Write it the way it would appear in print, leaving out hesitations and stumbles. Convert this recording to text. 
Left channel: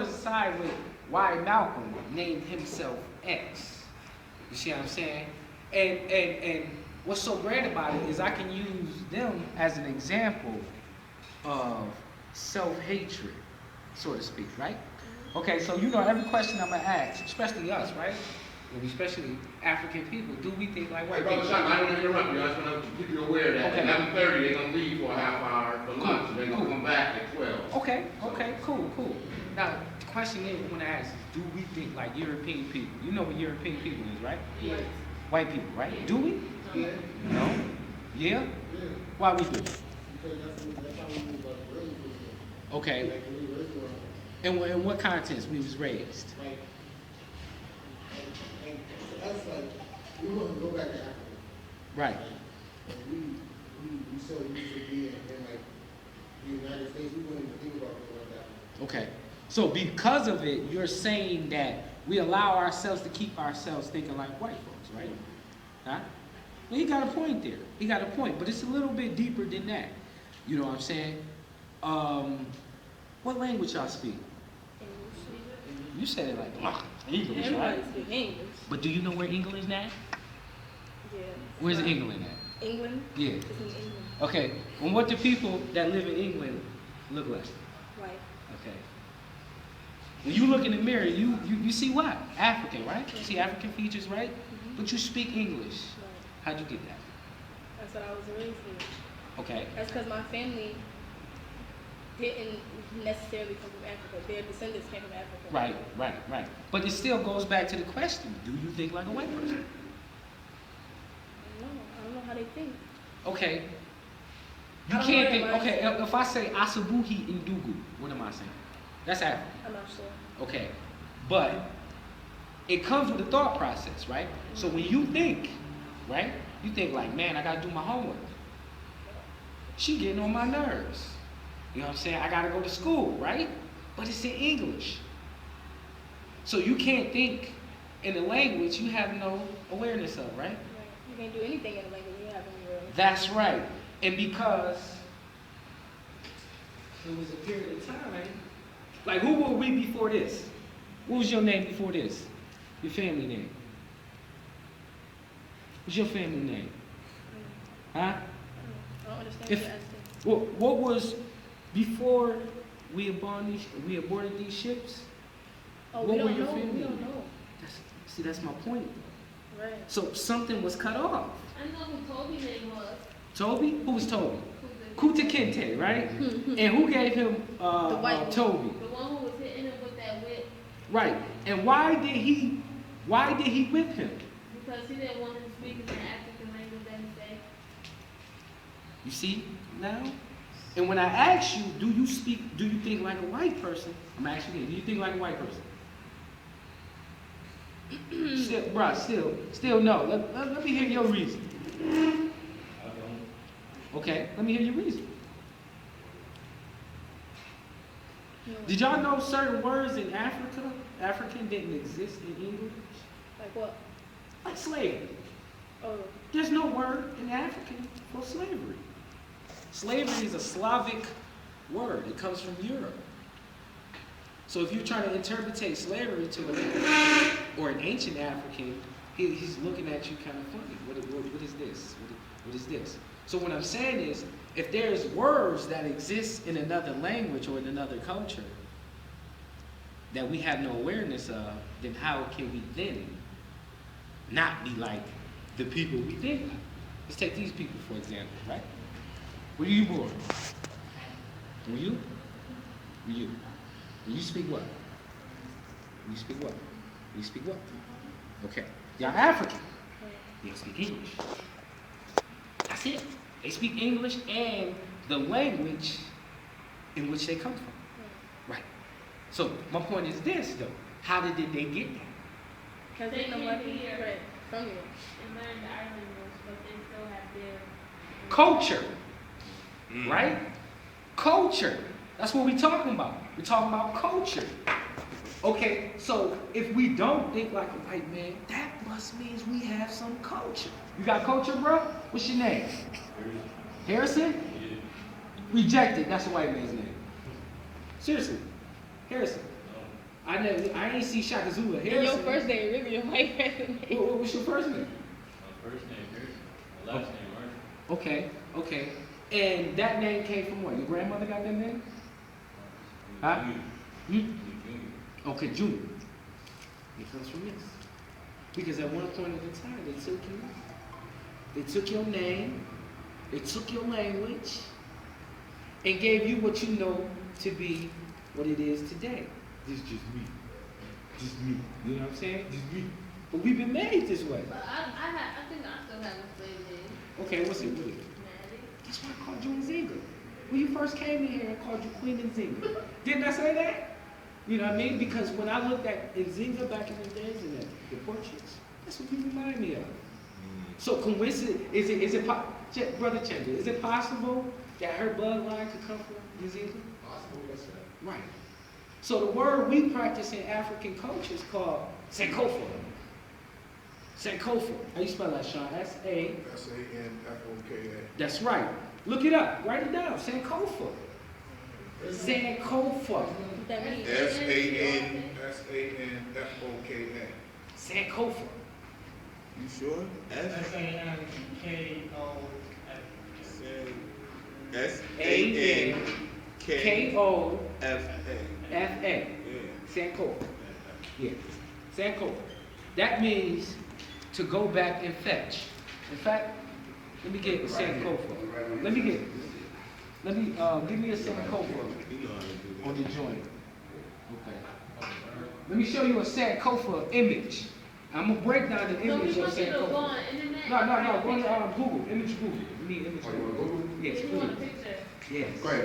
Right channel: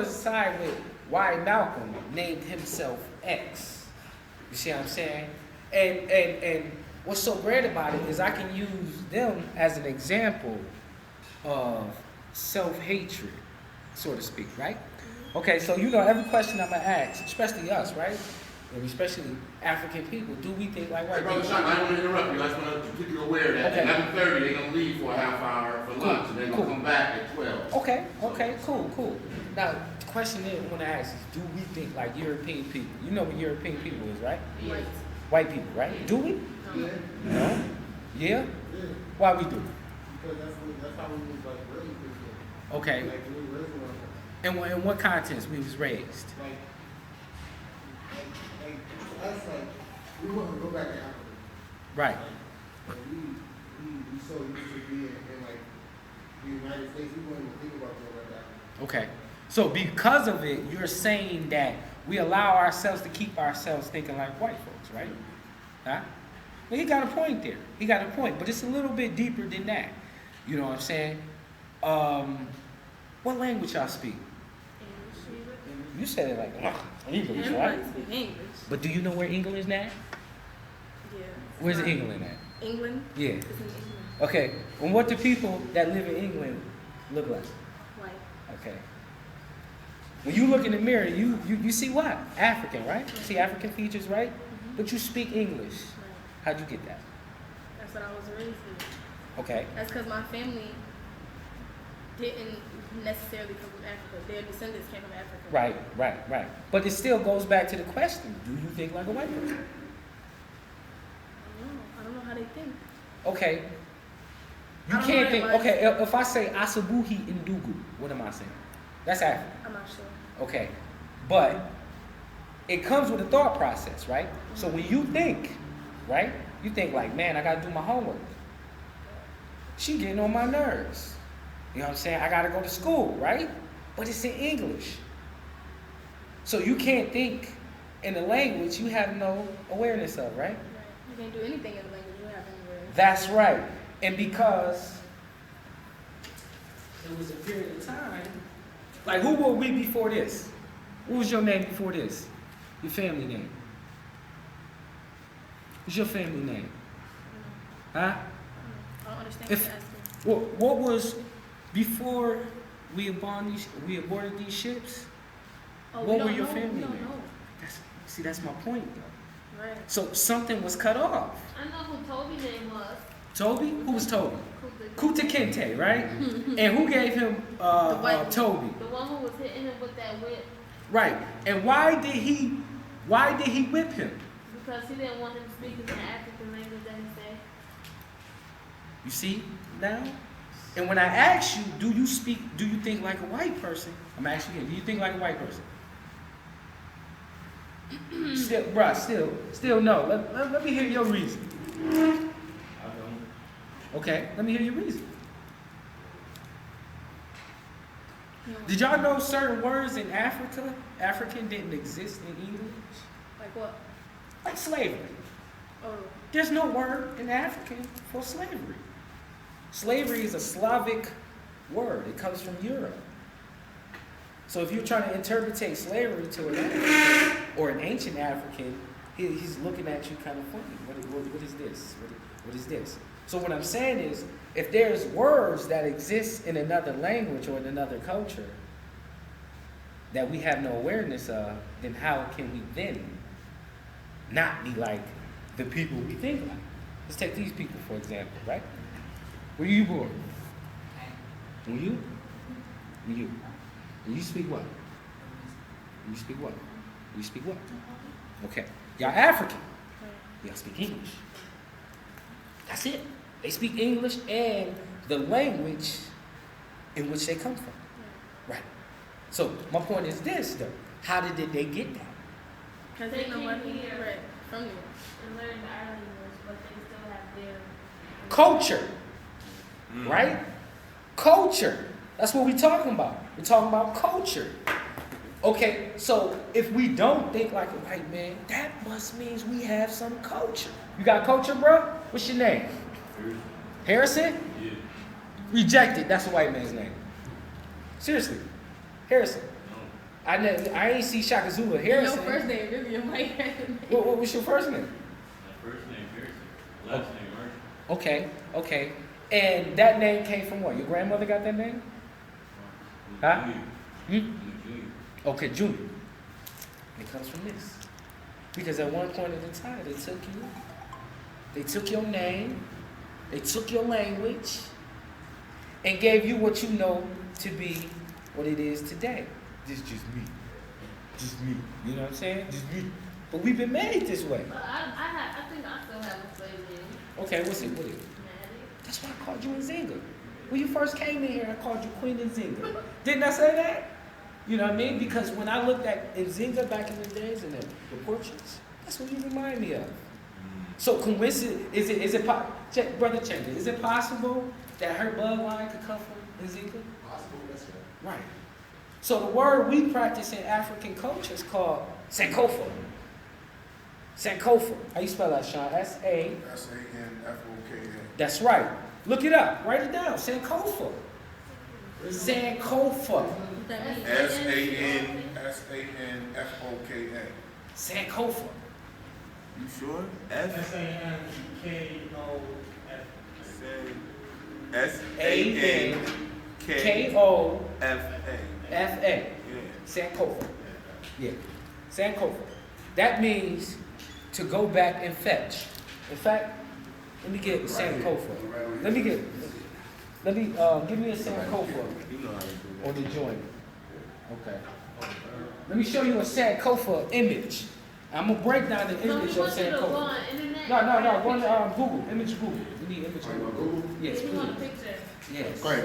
aside with why Malcolm named himself X. You see what I'm saying? And what's so great about it is I can use them as an example of self-hatred, so to speak, right? Okay, so every question I'm gonna ask, especially us, right? And especially African people, do we think like white Brother people? Shango, I don't want to interrupt you. I just want to keep you aware that Okay. 11:30 they're gonna leave for a half hour for lunch, and they're gonna come back at 12. Okay, cool. Now, the question is, I want to ask is, do we think like European people? You know what European people is, right? Yes. White people, right? Do we? No. No? Yeah? Yeah. Why we do? Because that's how we was like raised. Okay. Like we raised around. In what context we was raised? Like us, like we want to go back to Africa. Right. Like we so used to be in like the United States. We wouldn't even think about being like that. Okay. So because of it, you're saying that we allow ourselves to keep ourselves thinking like white folks, right? Huh? Well, he got a point there. He got a point, but it's a little bit deeper than that. You know what I'm saying? What language y'all speak? English. You said it like English, Everybody right? speak English. But do you know where England is at? Yeah. Where's England at? England? Yeah. It's in England. Okay. And what do people that live in England look like? White. Okay. When you look in the mirror, you see what? African, right? You see African features, right? Mm-hmm. But you speak English. Right. How'd you get that? That's what I was raised with. Okay. That's because my family didn't necessarily come from Africa. Their descendants came from Africa. Right. But it still goes back to the question: do you think like a white person? I don't know how they think. Okay. You I don't can't know think. that Okay, if I say Asabuhi Indugu, what am I saying? That's African. I'm not sure. Okay, but it comes with a thought process, right? So when you think, right, you think like, man, I gotta do my homework. She getting on my nerves. You know what I'm saying? I gotta go to school, right? But it's in English. So you can't think in a language you have no awareness of, right? Right. You can't do anything in a language you have anywhere. That's right. And because it was a period of time, like who were we before this? What was your name before this? Your family name? What's your family name? Huh? I don't understand If- what you're asking. What was before we aborted these ships? Oh, what we were don't your know. family We don't names? know. That's my point, though. Right. So something was cut off. I know who Toby's name was. Toby? Who was Toby? Kuta. Kuta Kente, right? And who gave him The white one. Toby? The one who was hitting him with that whip Right. And why did he whip him? because he didn't want him speaking the African language that he said. You see now? And when I ask you, do you think like a white person? I'm asking you again, do you think like a white person? Still no. Let me hear your reason. I don't. Okay, let me hear your reason. You know, Did y'all know certain words in African didn't exist in English? like what? Like slavery. Oh, There's no word in African for slavery. Slavery is a Slavic word. It comes from Europe. So if you're trying to interpret slavery to an African or an ancient African, he's looking at you kind of funny. What is this? What is this? So what I'm saying is, if there's words that exist in another language or in another culture that we have no awareness of, then how can we then not be like the people we think like? Let's take these people for example, right? Where you born? Were you? Were you? And you speak what? You speak what? You speak what? Okay. Y'all African. right. Y'all speak English. That's it. They speak English and the language in which they come from. Right. So my point is this though. How did they get that? Because They they know came what here. right from there. And learned the island rules, but they still have their Culture. Right? Culture. That's what we're talking about. We're talking about culture. Okay, so if we don't think like a white man, that must mean we have some culture. You got culture, bro? What's your name? Harrison? Yeah. Rejected. That's a white man's name. Seriously. Harrison. No. I ain't see Shaka Zulu And Harrison. your first name really a white person name. What was your first name? My first name Harrison, my last name Marshall. Okay, okay. And that name came from what? Your grandmother got that name? Huh? Junior. Hmm? Junior. Okay, Junior. It comes from this. Because at one point in time, they took your name, they took your language, and gave you what you know to be what it is today. This is just me. Just me. You know what I'm saying? Just me. But we've been made this way. But I think I still have a slave name. Okay, what's it? What is it? Maddie. That's why I called you Nzinga. When you first came in here, I called you Queen Nzinga. Didn't I say that? You know what I mean? Because when I looked at Nzinga back in the days and the portraits, that's what you remind me of. So coincidence, Brother Chenda, is it possible that her bloodline could come from Nzinga? Possible, that's it. Right. So the word we practice in African culture is called Sankofa. Sankofa. How you spell that, Sean? S-A. Sanfoka. That's right. Look it up. Write it down. Sankofa. Sankofa. What that means? Sanfoka. Sankofa. You sure? S-A-N-K-O-F. S-A-N-K-F-A. K-O-F-A. Sankofa. Yeah. Sankofa. That means to go back and fetch. In fact, let me get Sankofa. Give me a Sankofa You know how to do that. on the joint. Okay. Let me show you a Sankofa image. I'm gonna break down the So image we of want you to go Sankofa. on the internet. No, and go find a on picture. Google. Image Google. We need image Google. Yes, You want a please. picture? Yes. Go ahead.